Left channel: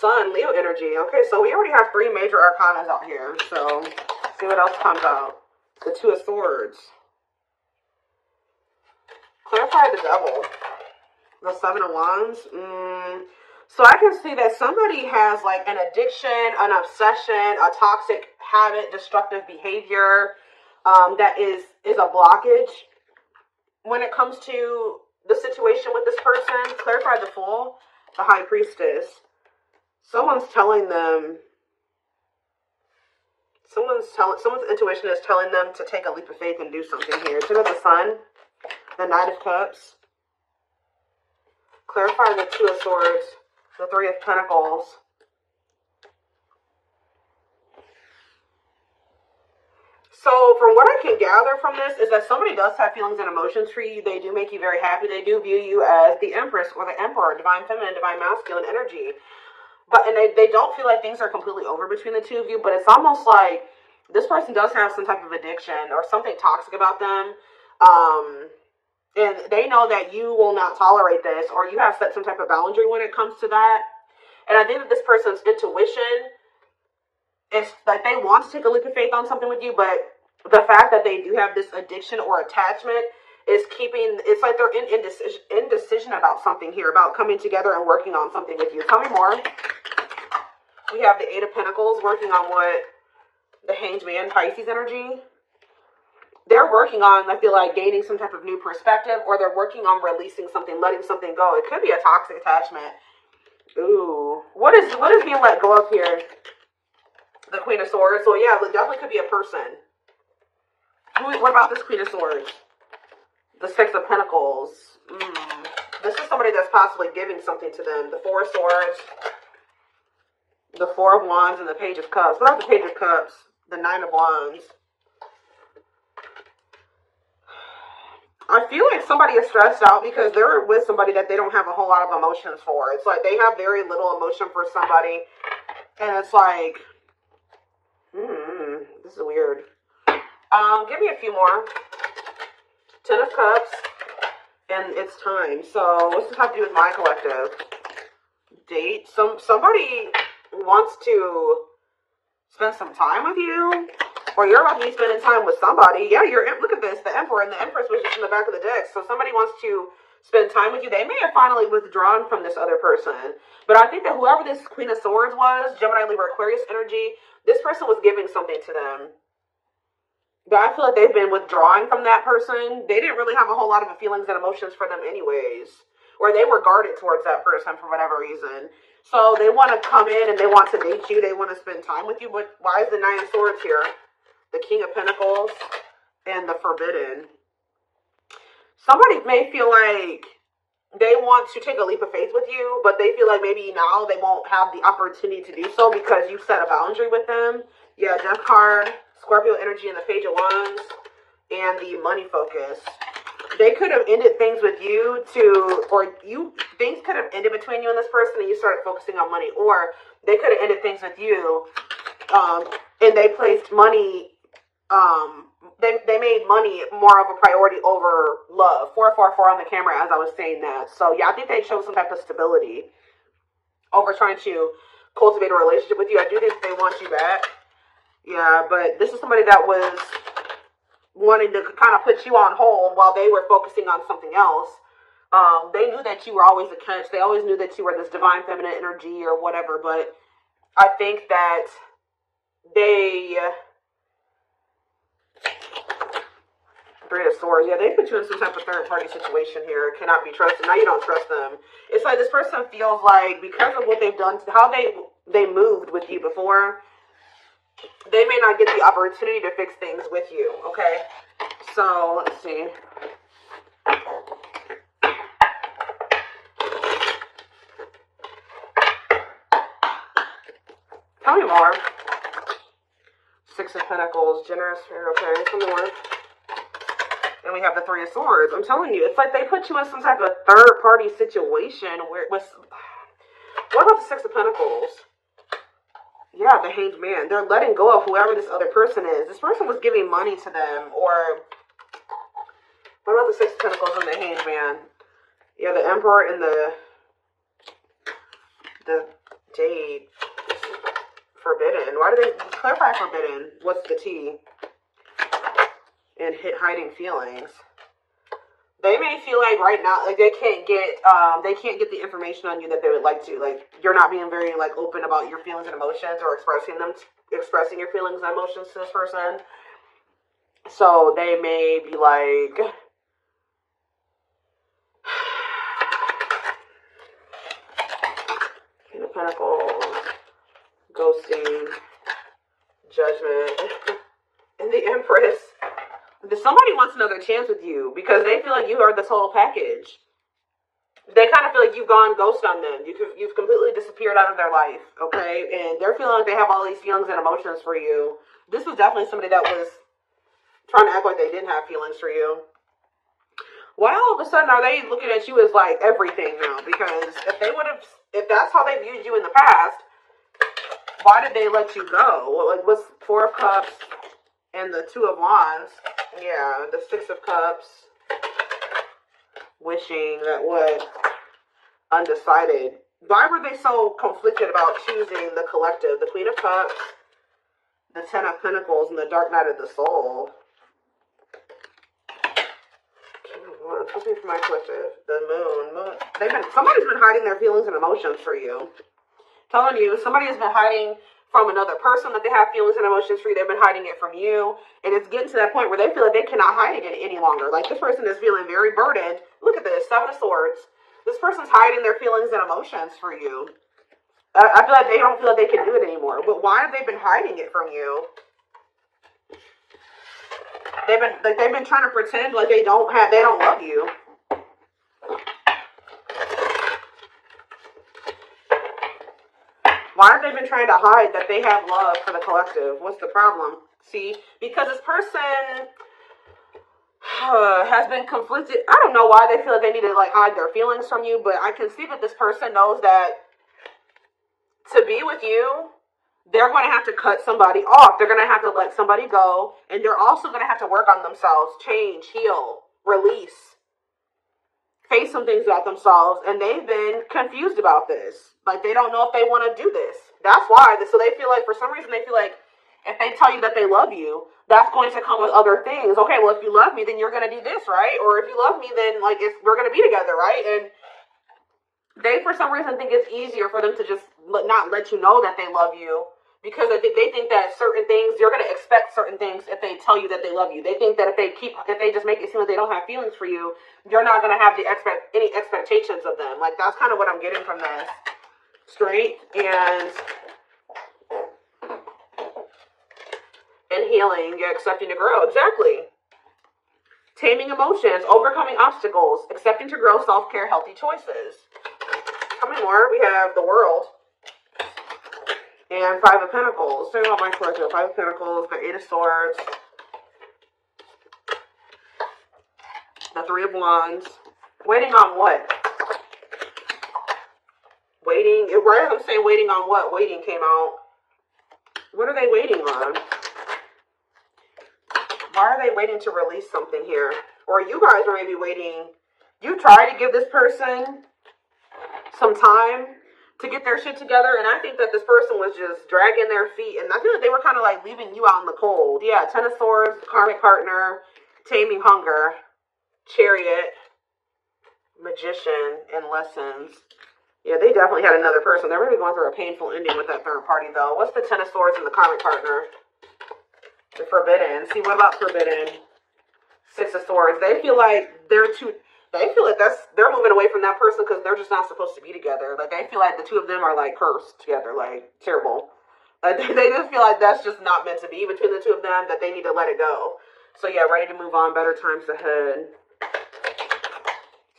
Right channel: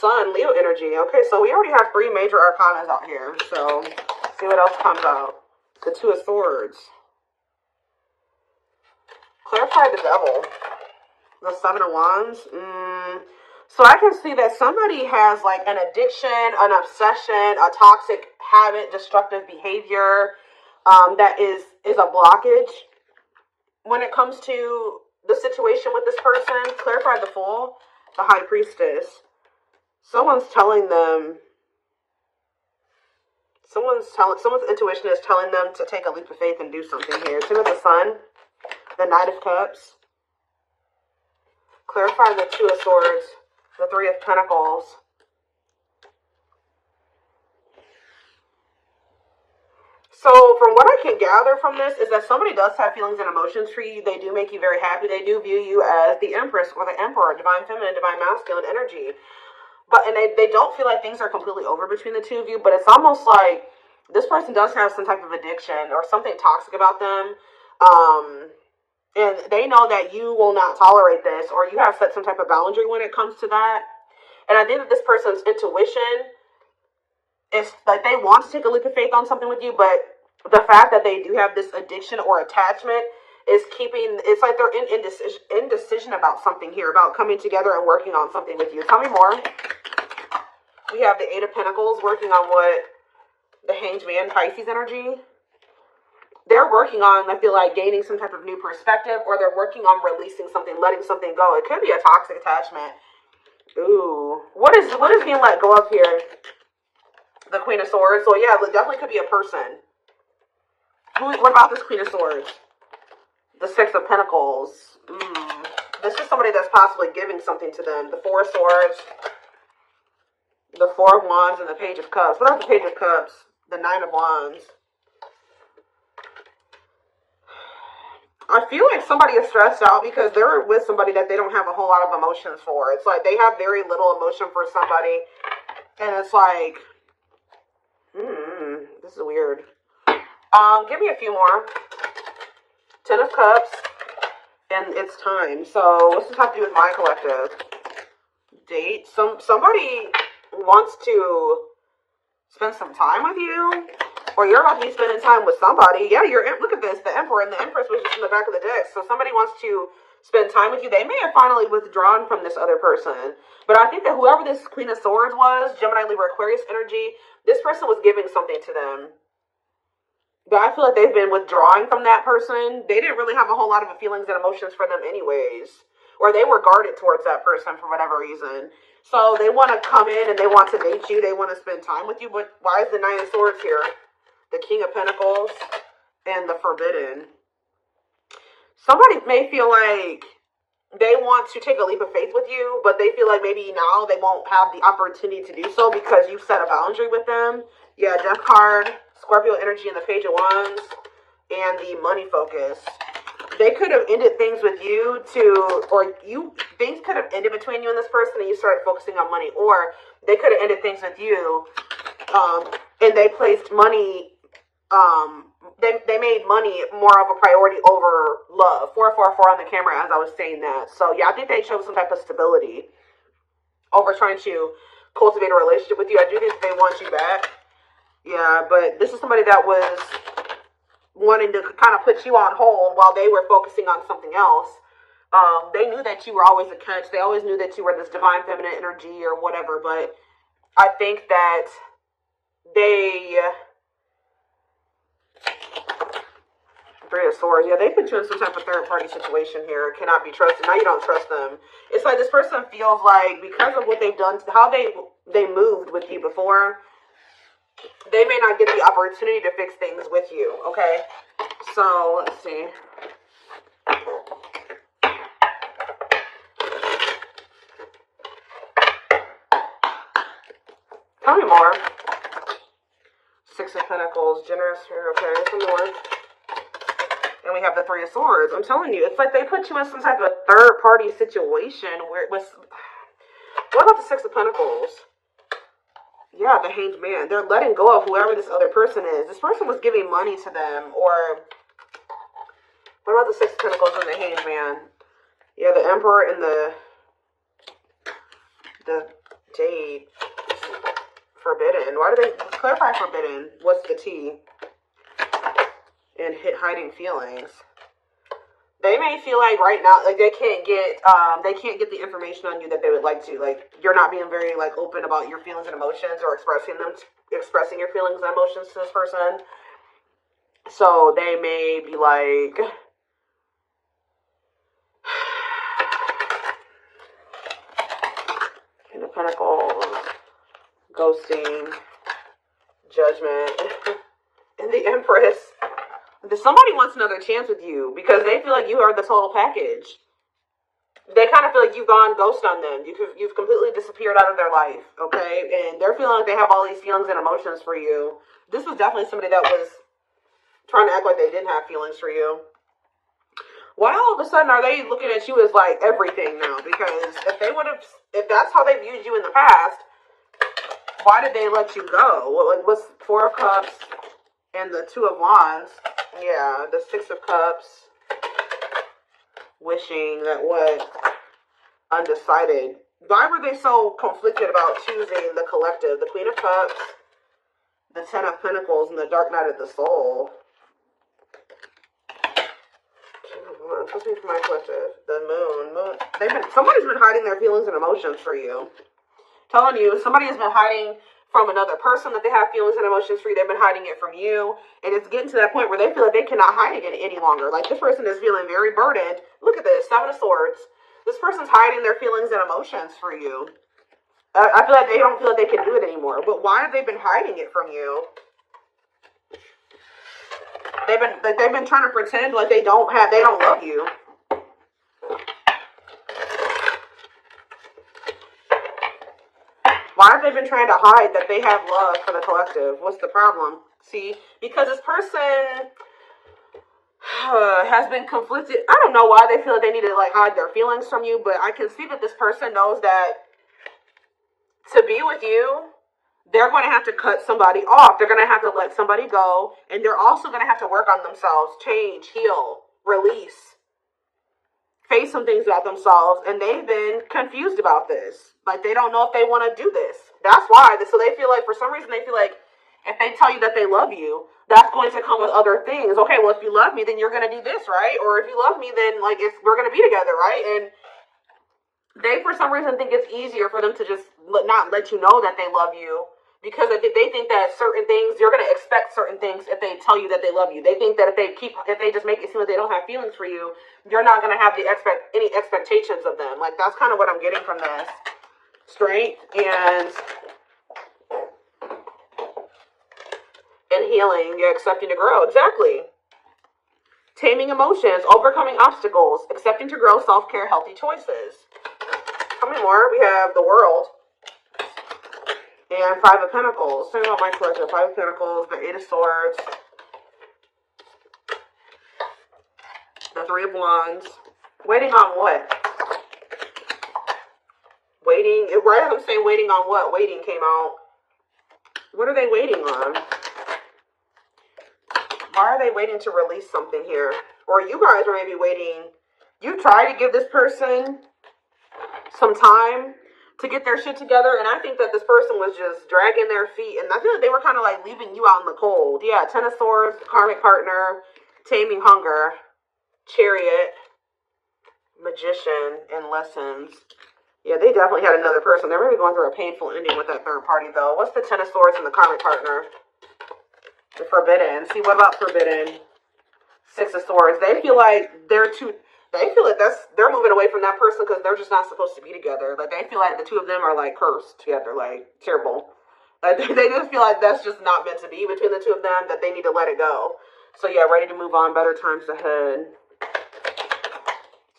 Sun, Leo energy. Okay, so we already have 3 major arcanas out here. So, let's see what else comes out. The Two of Swords. Clarify the Devil. The Seven of Wands. So I can see that somebody has like an addiction, an obsession, a toxic habit, destructive behavior that is a blockage when it comes to the situation with this person. Clarify the Fool, the High Priestess. Someone's telling them, someone's intuition is telling them to take a leap of faith and do something here. Two of the Sun, the Knight of Cups. Clarify the Two of Swords, the Three of Pentacles. So from what I can gather from this is that somebody does have feelings and emotions for you. They do make you very happy. They do view you as the Empress or the Emperor, divine feminine, divine masculine energy. And they don't feel like things are completely over between the two of you, but it's almost like this person does have some type of addiction or something toxic about them. And they know that you will not tolerate this, or you have set some type of boundary when it comes to that. And I think that this person's intuition, it's like they want to take a leap of faith on something with you, but the fact that they do have this addiction or attachment is keeping, it's like they're in indecision about something here, about coming together and working on something with you. Tell me more. We have the Eight of Pentacles working on what? The Hanged Man, Pisces energy. They're working on, I feel like, gaining some type of new perspective, or they're working on releasing something, letting something go. It could be a toxic attachment. Ooh. What is being let go of here? The Queen of Swords. So yeah, it definitely could be a person. What about this Queen of Swords? The Six of Pentacles. This is somebody that's possibly giving something to them. The Four of Swords, the Four of Wands, and the Page of Cups. What are the Page of Cups? The Nine of Wands. I feel like somebody is stressed out because they're with somebody that they don't have a whole lot of emotions for. It's like they have very little emotion for somebody, and it's like, this is weird. Give me a few more. Ten of Cups, and it's time. So what's this have to do with my collective? Date. Somebody wants to spend some time with you. Or you're going to be spending time with somebody. Yeah, look at this. The Emperor and the Empress was just in the back of the deck. So somebody wants to spend time with you. They may have finally withdrawn from this other person. But I think that whoever this Queen of Swords was, Gemini, Libra, Aquarius energy, this person was giving something to them. But I feel like they've been withdrawing from that person. They didn't really have a whole lot of feelings and emotions for them anyways. Or they were guarded towards that person for whatever reason. So they want to come in and they want to date you. They want to spend time with you. But why is the Nine of Swords here? The King of Pentacles and the Forbidden. Somebody may feel like they want to take a leap of faith with you, but they feel like maybe now they won't have the opportunity to do so because you've set a boundary with them. Yeah, Death card, Scorpio energy, and the Page of Wands, and the Money Focus. They could have ended things with you things could have ended between you and this person and you started focusing on money, or they could have ended things with you and they placed money. They made money more of a priority over love. 444 on the camera as I was saying that. So yeah, I think they showed some type of stability over trying to cultivate a relationship with you. I do think they want you back. Yeah, but this is somebody that was wanting to kind of put you on hold while they were focusing on something else. They knew that you were always a catch. They always knew that you were this divine feminine energy or whatever, but I think that they... Three of Swords. Yeah, they put you in some type of third-party situation here. Cannot be trusted. Now you don't trust them. It's like this person feels like because of what they've done, how they moved with you before, they may not get the opportunity to fix things with you. Okay, so let's see. Tell me more. Six of Pentacles, generous here. Okay, some more. And we have the Three of Swords. I'm telling you, it's like they put you in some type of third-party situation where it was... What about the Six of Pentacles? Yeah, the Hanged Man. They're letting go of whoever this other person is. This person was giving money to them, or... What about the Six of Pentacles and the Hanged Man? Yeah, the Emperor and the date. Forbidden. Why do they clarify forbidden? What's the T? And hiding feelings. They may feel like right now, like they can't get the information on you that they would like to. Like you're not being very like open about your feelings and emotions or expressing your feelings and emotions to this person. So they may be like, King of Pentacles, ghosting, Judgment, and the Empress. Somebody wants another chance with you because they feel like you are the total package. They kind of feel like you've gone ghost on them. You've completely disappeared out of their life, okay? And they're feeling like they have all these feelings and emotions for you. This was definitely somebody that was trying to act like they didn't have feelings for you. Why all of a sudden are they looking at you as like everything now? Because if that's how they viewed you in the past, why did they let you go? What's Four of Cups and the Two of Wands? Yeah, the Six of Cups. Wishing that what? Undecided. Why were they so conflicted about choosing the collective? The Queen of Cups, the Ten of Pentacles, and the Dark Night of the Soul. Something for my collective. The Moon. Somebody's been hiding their feelings and emotions for you. Telling you, somebody has been hiding from another person that they have feelings and emotions for you. They've been hiding it from you. And it's getting to that point where they feel like they cannot hide it any longer. Like this person is feeling very burdened. Look at this, Seven of Swords. This person's hiding their feelings and emotions for you. I feel like they don't feel like they can do it anymore. But why have they been hiding it from you? They've been trying to pretend like they don't love you. Why have they been trying to hide that they have love for the collective? What's the problem? See, because this person has been conflicted. I don't know why they feel like they need to like hide their feelings from you, but I can see that this person knows that to be with you, they're going to have to cut somebody off. They're going to have to let somebody go, and they're also going to have to work on themselves, change, heal, release, face some things about themselves, and they've been confused about this. Like, they don't know if they want to do this. That's why. So they feel like, for some reason, they feel like if they tell you that they love you, that's going to come with other things. Okay, well, if you love me, then you're going to do this, right? Or if you love me, then, like, we're going to be together, right? And they, for some reason, think it's easier for them to just not let you know that they love you, because they think that certain things, you're going to expect certain things if they tell you that they love you. They think that if they just make it seem like they don't have feelings for you, you're not going to have any expectations of them. Like, that's kind of what I'm getting from this. Strength and healing, you're accepting to grow. Exactly. Taming emotions, overcoming obstacles, accepting to grow, self-care, healthy choices. How many more? We have the World. And Five of Pentacles. Talk about my choices. Five of Pentacles, the Eight of Swords, the Three of Wands. Waiting on what? Waiting. Why am I saying waiting on what? Waiting came out. What are they waiting on? Why are they waiting to release something here? Or you guys are maybe waiting. You try to give this person some time to get their shit together, and I think that this person was just dragging their feet, and I feel like they were kind of like leaving you out in the cold. Yeah, Ten of Swords, karmic partner, taming hunger, Chariot, Magician, and Lessons. Yeah, they definitely had another person. They're really going through a painful ending with that third party, though. What's the Ten of Swords and the karmic partner? The Forbidden. See, what about Forbidden? Six of Swords. They feel like they're moving away from that person because they're just not supposed to be together. Like, they feel like the two of them are, like, cursed together. Like, terrible. Like, they just feel like that's just not meant to be between the two of them, that they need to let it go. So, yeah, ready to move on. Better times ahead.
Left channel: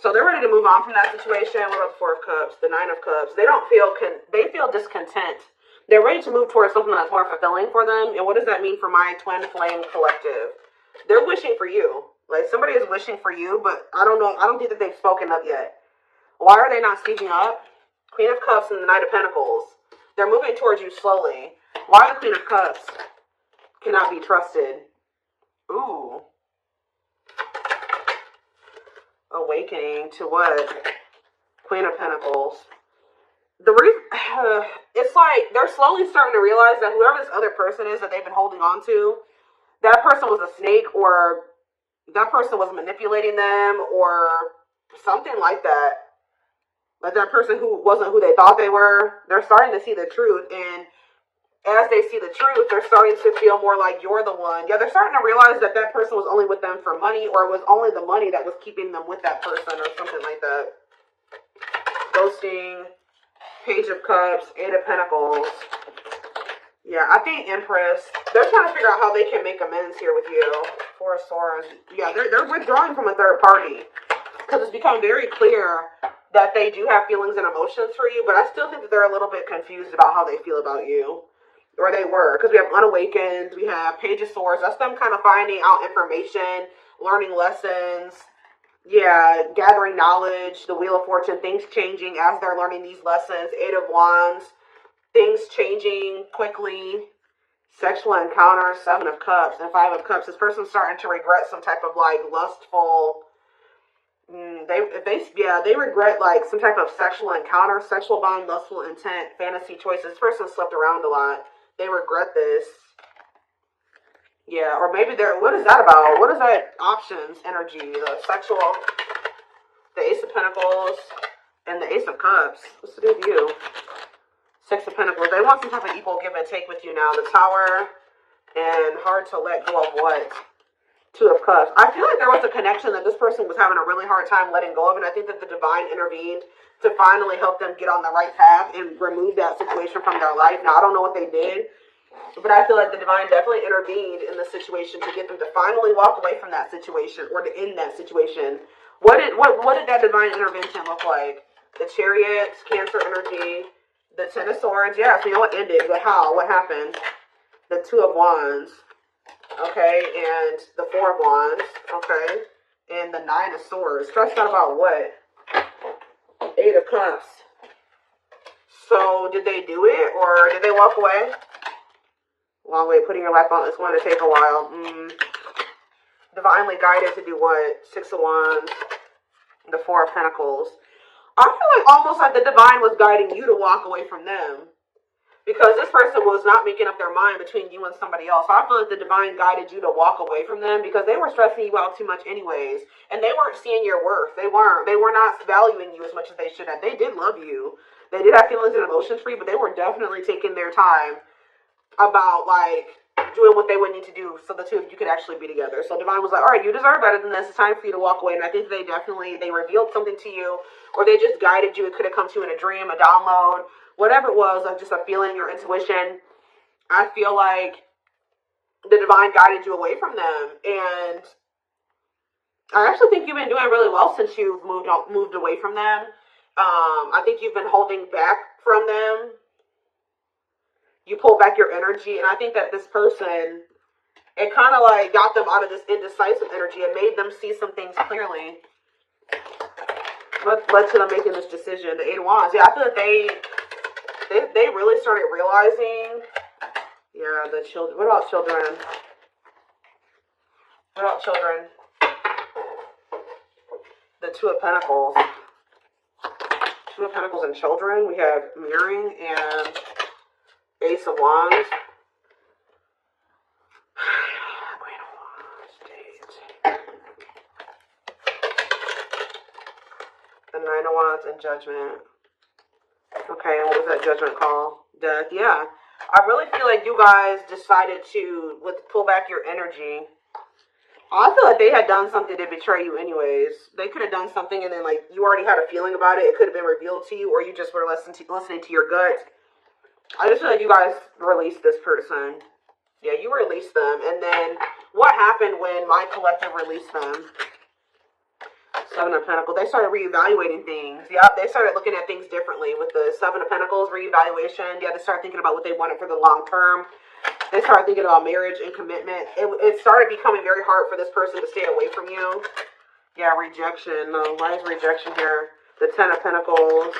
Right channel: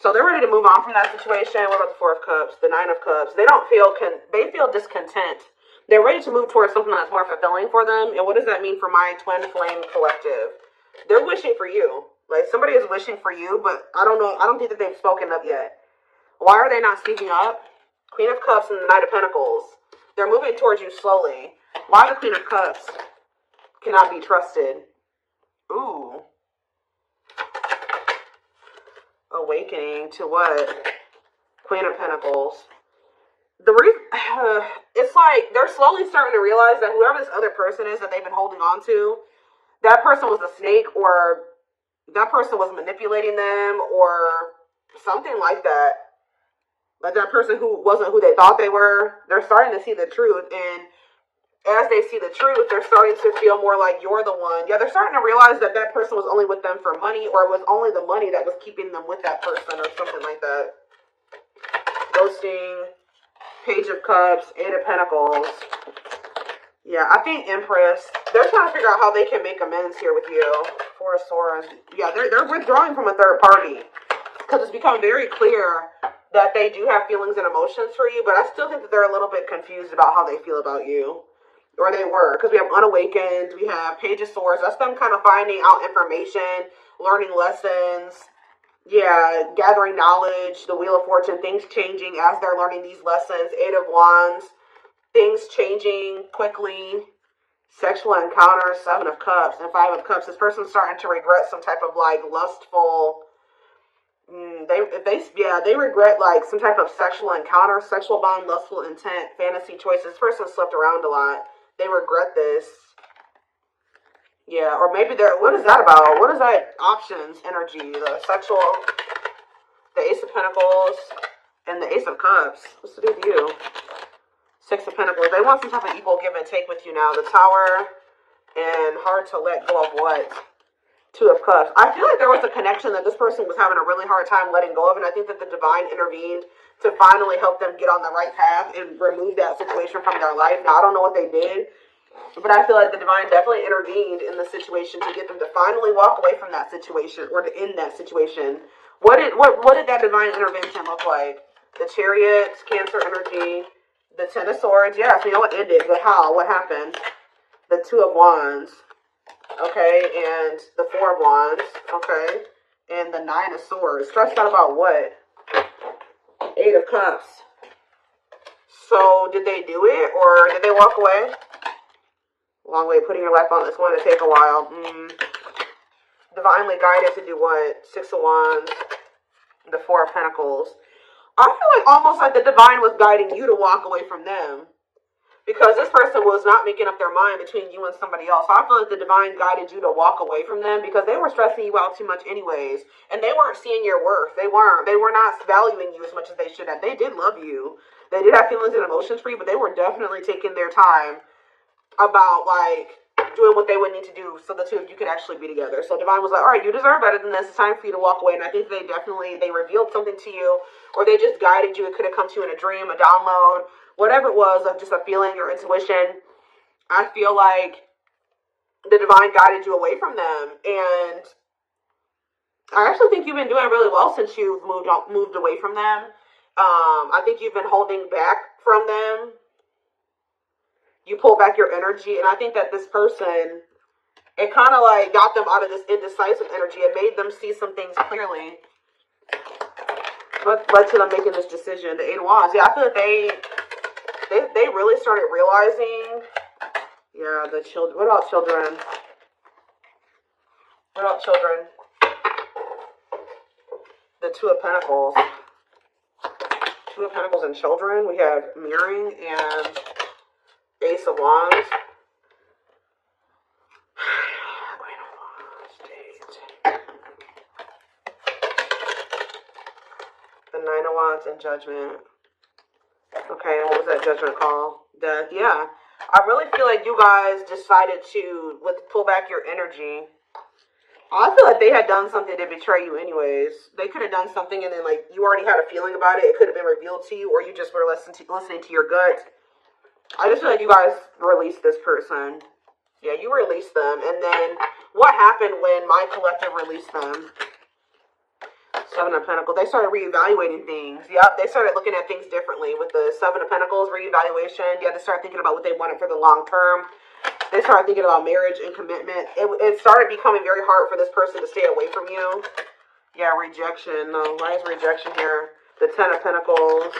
So they're ready to move on from that situation. What about the Four of Cups? The Nine of Cups. They feel discontent. They're ready to move towards something that's more fulfilling for them. And what does that mean for my twin flame collective? They're wishing for you. Like, somebody is wishing for you, but I don't know. I don't think that they've spoken up yet. Why are they not speaking up? Queen of Cups and the Knight of Pentacles. They're moving towards you slowly. Why the Queen of Cups cannot be trusted? Ooh. Awakening to what? Queen of Pentacles. The reason it's like they're slowly starting to realize that whoever this other person is that they've been holding on to, that person was a snake, or that person was manipulating them, or something like that. Like that person who wasn't who they thought they were, they're starting to see the truth. And as they see the truth, they're starting to feel more like you're the one. Yeah, they're starting to realize that that person was only with them for money, or it was only the money that was keeping them with that person, or something like that. Ghosting, Page of Cups, Eight of Pentacles. Yeah, I think Empress. They're trying to figure out how they can make amends here with you. Four of Swords. Yeah, they're withdrawing from a third party. Because it's become very clear that they do have feelings and emotions for you, but I still think that they're a little bit confused about how they feel about you. Or they were. Because we have Unawakened, we have Page of Swords. That's them kind of finding out information, learning lessons. Yeah, gathering knowledge, the Wheel of Fortune, things changing as they're learning these lessons. Eight of Wands, things changing quickly. Sexual encounters, Seven of Cups, and Five of Cups. This person's starting to regret some type of like lustful. They regret like some type of sexual encounter, sexual bond, lustful intent, fantasy choices. This person slept around a lot. They regret this. Yeah, or maybe they're, what is that about? What is that options energy? The sexual, the Ace of Pentacles, and the Ace of Cups. What's the big deal? Six of Pentacles. They want some type of equal give and take with you now. The Tower, and hard to let go of what? Two of Cups. I feel like there was a connection that this person was having a really hard time letting go of, and I think that the Divine intervened to finally help them get on the right path and remove that situation from their life. Now, I don't know what they did, but I feel like the Divine definitely intervened in the situation to get them to finally walk away from that situation, or to end that situation. What did that Divine intervention look like? The Chariots, Cancer energy, the Ten of Swords. Yeah, so you know what ended, but how? What happened? The Two of Wands. Okay, and the Four of Wands. Okay, and the Nine of Swords. Stressed out about what? Eight of Cups. So did they do it, or did they walk away? Long way, putting your life on, it's going to take a while. Divinely guided to do what? Six of Wands, the Four of Pentacles. I feel like almost like the Divine was guiding you to walk away from them. Because this person was not making up their mind between you and somebody else. So I feel like the Divine guided you to walk away from them because they were stressing you out too much anyways. And they weren't seeing your worth. They were not valuing you as much as they should have. They did love you. They did have feelings and emotions for you, but they were definitely taking their time about like doing what they would need to do so the two of you could actually be together. So Divine was like, all right, you deserve better than this. It's time for you to walk away. And I think they revealed something to you, or they just guided you. It could have come to you in a dream, a download, whatever it was, of just a feeling or intuition. I feel like the Divine guided you away from them. And I actually think you've been doing really well since you've moved away from them. I think you've been holding back from them. You pull back your energy, and I think that this person, it kind of like got them out of this indecisive energy and made them see some things clearly. What led to them making this decision? The Eight of Wands. Yeah, I feel like they really started realizing. Yeah, the children. What about children? What about children? The Two of Pentacles. Two of Pentacles and children. We have mirroring and Ace of Wands. Queen of Wands. The Nine of Wands and Judgment. Okay, and what was that Judgment call? Death. Yeah. I really feel like you guys decided to pull back your energy. I feel like they had done something to betray you anyways. They could have done something and then like you already had a feeling about it. It could have been revealed to you, or you just were listening to your gut. I just feel like you guys released this person. Yeah, you released them. And then what happened when my collective released them? Seven of Pentacles. They started reevaluating things. Yeah, they started looking at things differently. With the Seven of Pentacles reevaluation, yeah, they started thinking about what they wanted for the long term. They started thinking about marriage and commitment. It started becoming very hard for this person to stay away from you. Yeah, rejection. No, why is rejection here? The Ten of Pentacles.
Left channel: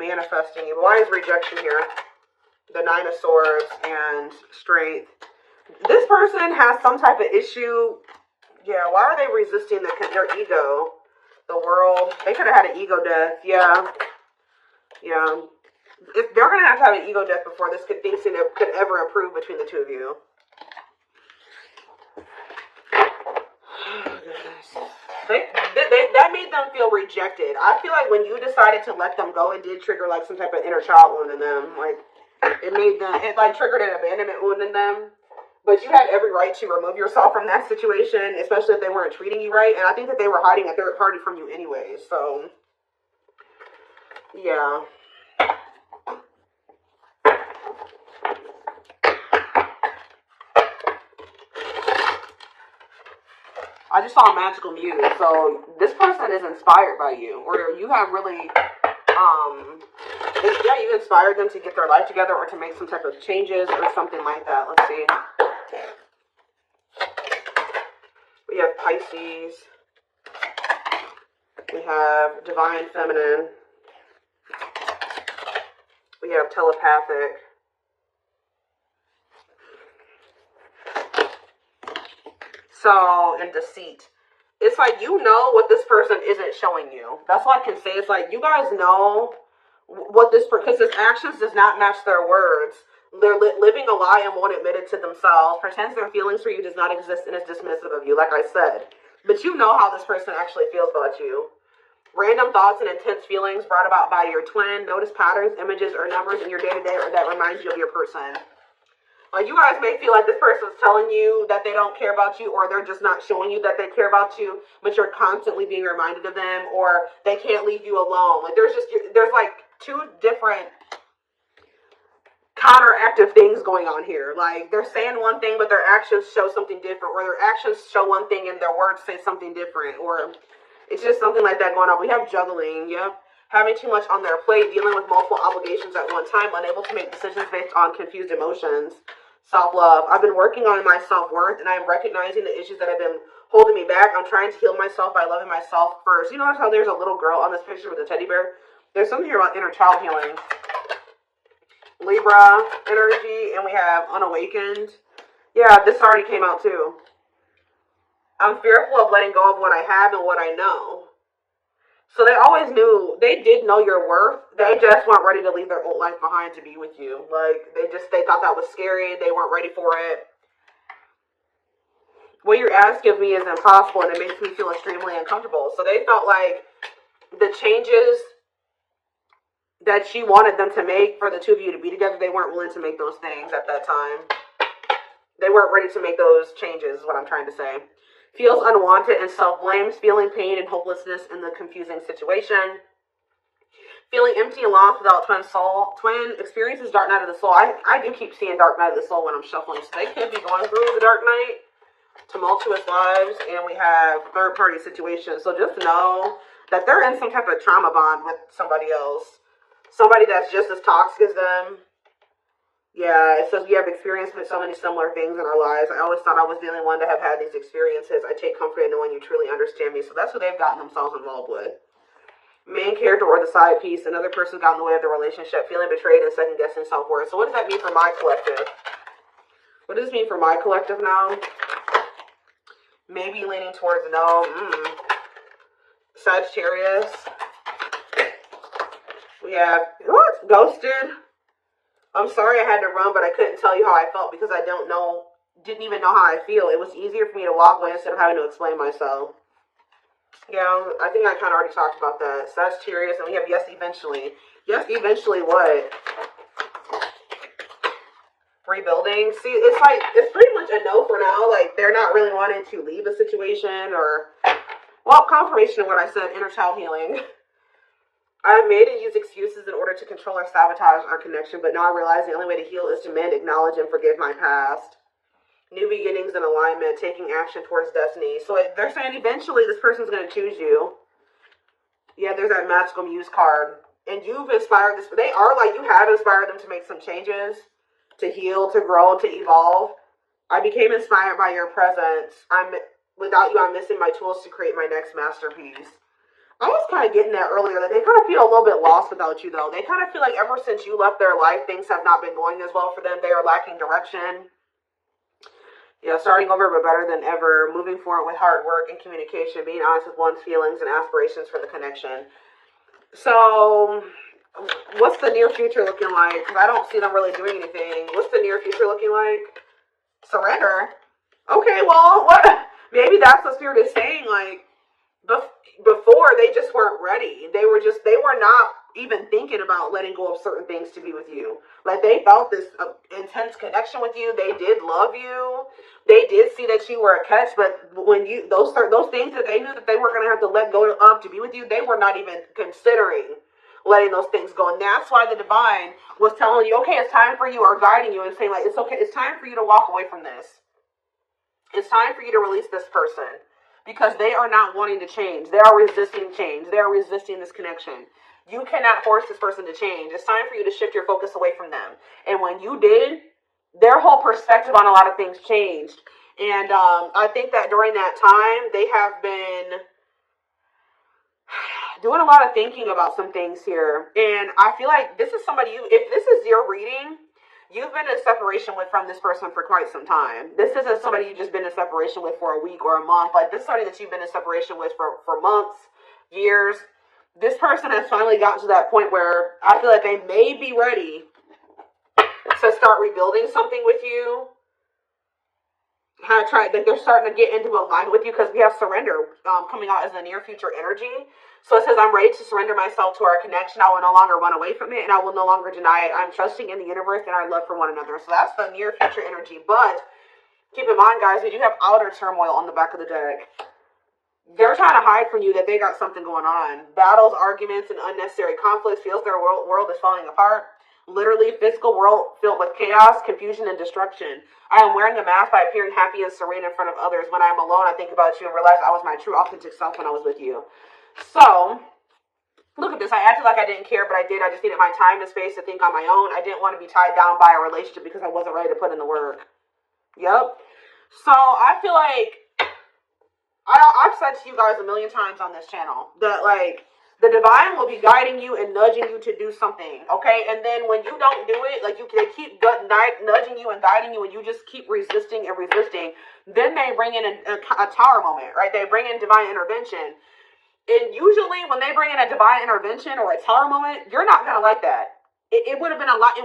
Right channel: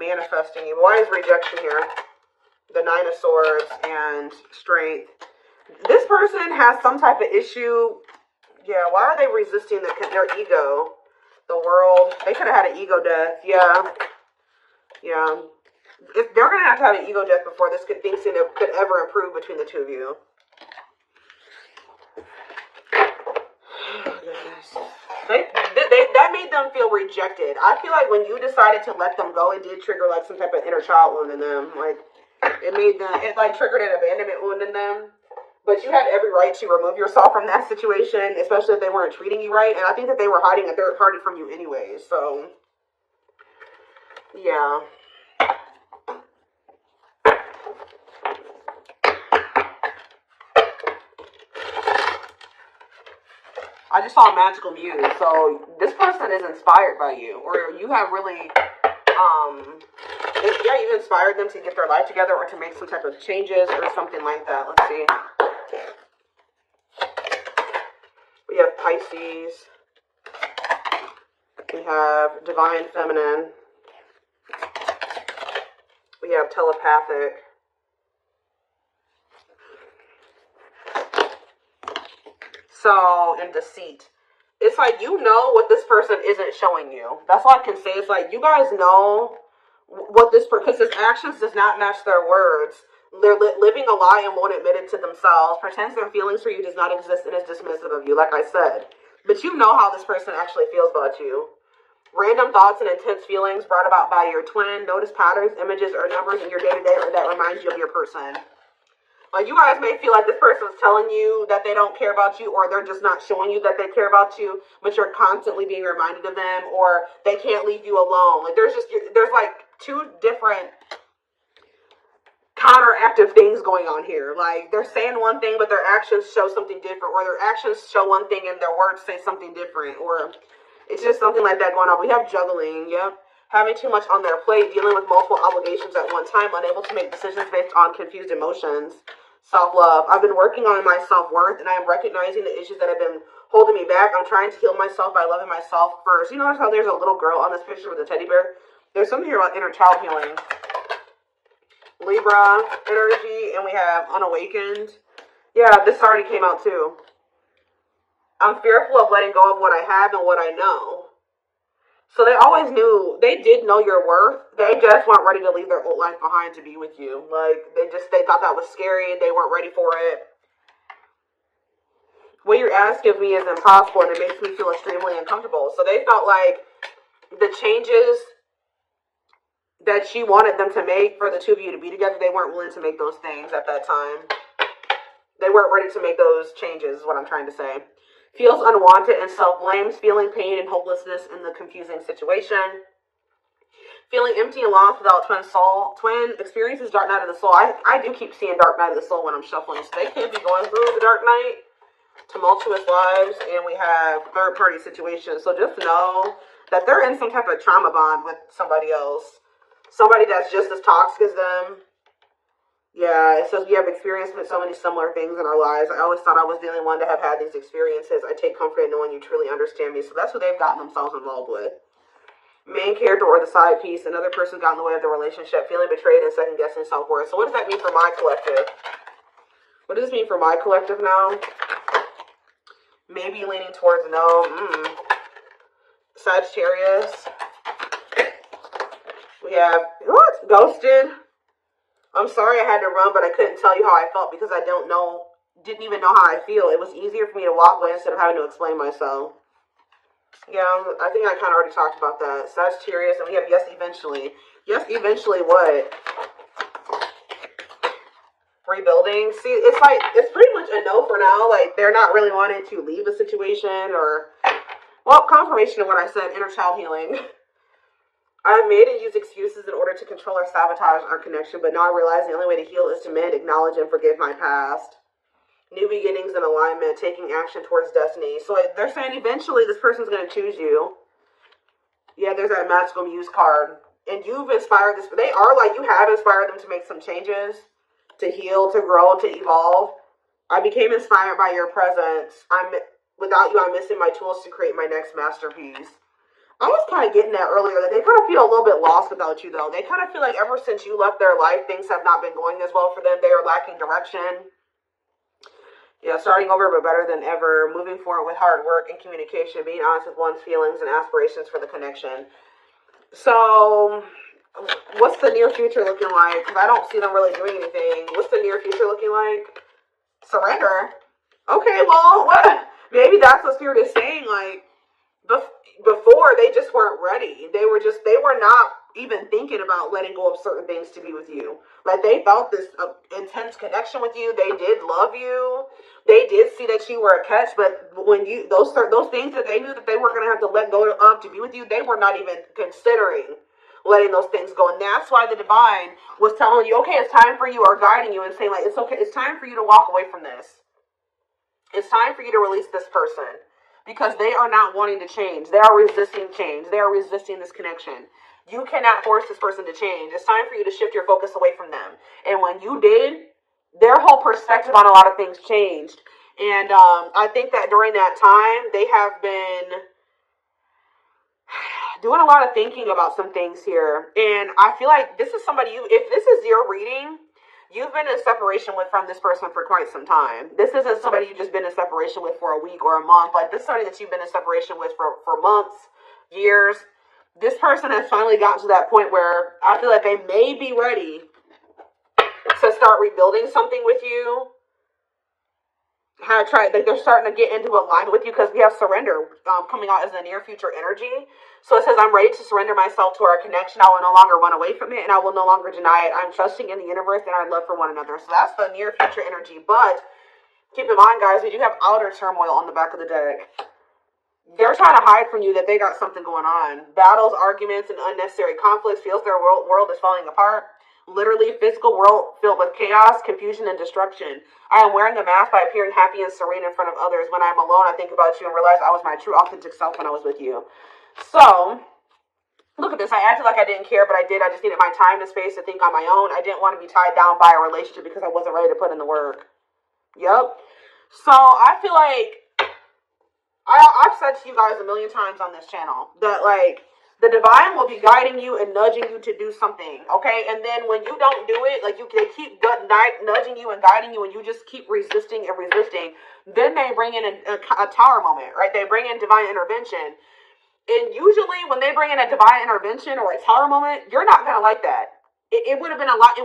Manifesting. Why is rejection here? The Nine of Swords and Strength. This person has some type of issue. Yeah, why are they resisting their ego? The World. They could have had an ego death. Yeah. Yeah. if they're going to have an ego death before this thing could ever improve between the two of you. That made them feel rejected. I feel like when you decided to let them go, it did trigger like some type of inner child wound in them. Like it like triggered an abandonment wound in them. But you had every right to remove yourself from that situation, especially if they weren't treating you right. And I think that they were hiding a third party from you anyways. So yeah. I just saw a magical muse, so this person is inspired by you, or you have really, you inspired them to get their life together or to make some type of changes or something like that. Let's see. We have Pisces. We have Divine Feminine. We have Telepathic. So, and Deceit. It's like you know what this person isn't showing you. That's all I can say. It's like you guys know what this person, because his actions does not match their words. They're living a lie and won't admit it to themselves. Pretends their feelings for you does not exist and is dismissive of you, like I said. But you know how this person actually feels about you. Random thoughts and intense feelings brought about by your twin. Notice patterns, images, or numbers in your day-to-day that reminds you of your person. Like you guys may feel like this person's telling you that they don't care about you, or they're just not showing you that they care about you, but you're constantly being reminded of them, or they can't leave you alone. Like there's like two different counteractive things going on here. Like they're saying one thing, but their actions show something different, or their actions show one thing and their words say something different, or it's just something like that going on. We have juggling, yep. Having too much on their plate, dealing with multiple obligations at one time, unable to make decisions based on confused emotions. Self-love. I've been working on my self-worth, and I'm recognizing the issues that have been holding me back. I'm trying to heal myself by loving myself first. You notice how there's a little girl on this picture with a teddy bear? There's something here about inner child healing. Libra energy, and we have unawakened. Yeah, this already came out too. I'm fearful of letting go of what I have and what I know. So they always knew, they did know your worth. They just weren't ready to leave their old life behind to be with you. Like, they thought that was scary. They weren't ready for it. What you're asking of me is impossible, and it makes me feel extremely uncomfortable. So they felt like the changes that you wanted them to make for the two of you to be together, they weren't willing to make those things at that time. They weren't ready to make those changes, is what I'm trying to say. Feels unwanted and self-blames, feeling pain and hopelessness in the confusing situation. Feeling empty and lost without twin soul. Twin experiences dark night of the soul. I do keep seeing dark night of the soul when I'm shuffling. So they could be going through the dark night. Tumultuous lives. And we have third-party situations. So just know that they're in some type of trauma bond with somebody else. Somebody that's just as toxic as them. Yeah, it says we have experienced so many similar things in our lives. I always thought I was the only one to have had these experiences. I take comfort in knowing you truly understand me. So that's what they've gotten themselves involved with. Main character or the side piece. Another person got in the way of the relationship. Feeling betrayed and second-guessing self-worth. So what does that mean for my collective? What does this mean for my collective now? Maybe leaning towards no. Sagittarius. We have, what? Ghosted. I'm sorry I had to run, but I couldn't tell you how I felt because I didn't even know how I feel. It was easier for me to walk away instead of having to explain myself. Yeah, I think I kind of already talked about that. Sagittarius, and we have yes, eventually. Yes, eventually what? Rebuilding. See, it's like, it's pretty much a no for now. Like, they're not really wanting to leave a situation or, well, confirmation of what I said, inner child healing. I've made and used excuses in order to control or sabotage our connection, but now I realize the only way to heal is to mend, acknowledge, and forgive my past. New beginnings and alignment, taking action towards destiny. So they're saying eventually this person's going to choose you. Yeah, there's that magical muse card. And you've inspired this, they are like, you have inspired them to make some changes, to heal, to grow, to evolve. I became inspired by your presence. Without you, I'm missing my tools to create my next masterpiece. I was kind of getting that earlier, that they kind of feel a little bit lost without you, though. They kind of feel like ever since you left their life, things have not been going as well for them. They are lacking direction. Yeah, starting over, but better than ever. Moving forward with hard work and communication. Being honest with one's feelings and aspirations for the connection. So, What's the near future looking like? Because I don't see them really doing anything. What's the near future looking like? Surrender. Okay, well, what? Maybe that's what Spirit is saying. Like, before, they just weren't ready. They were not even thinking about letting go of certain things to be with you. Like, they felt this intense connection with you. They did love you. They did see that you were a catch, but when those things that they knew that they were going to have to let go of to be with you, they were not even considering letting those things go. And that's why the divine was telling you, okay, it's time for you, or guiding you and saying, like, it's okay, it's time for you to walk away from this. It's time for you to release this person, because they are not wanting to change. They are resisting change. They are resisting this connection. You cannot force this person to change. It's time for you to shift your focus away from them. And when you did, their whole perspective on a lot of things changed. And I think that during that time, they have been doing a lot of thinking about some things here. And I feel like this is somebody if this is your reading, you've been in separation from this person for quite some time. This isn't somebody you've just been in separation with for a week or a month. Like, this is somebody that you've been in separation with for months, years. This person has finally gotten to that point where I feel like they may be ready to start rebuilding something with you. They're starting to get into alignment with you, because we have surrender coming out as a near future energy. So it says, I'm ready to surrender myself to our connection. I will no longer run away from it, and I will no longer deny it. I'm trusting in the universe and our love for one another. So that's the near future energy. But keep in mind, guys, we do have outer turmoil on the back of the deck. They're trying to hide from you that they got something going on. Battles, arguments, and unnecessary conflicts. Feels their world is falling apart. Literally, physical world filled with chaos, confusion, and destruction. I am wearing a mask by appearing happy and serene in front of others. When I am alone, I think about you and realize I was my true, authentic self when I was with you. So, look at this. I acted like I didn't care, but I did. I just needed my time and space to think on my own. I didn't want to be tied down by a relationship because I wasn't ready to put in the work. Yep. So, I feel like I've said to you guys a million times on this channel that, like, the divine will be guiding you and nudging you to do something, okay? And then when you don't do it, like, they keep nudging you and guiding you, and you just keep resisting and resisting, then they bring in a tower moment, right? They bring in divine intervention. And usually when they bring in a divine intervention or a tower moment, you're not going to like that. It would have been a lot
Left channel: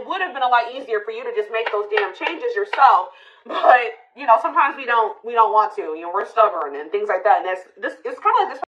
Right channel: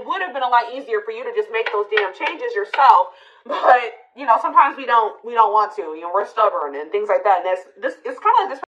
easier for you to just make those damn changes yourself. But, you know, sometimes we don't want to. You know, we're stubborn and things like that. And it's kind of like this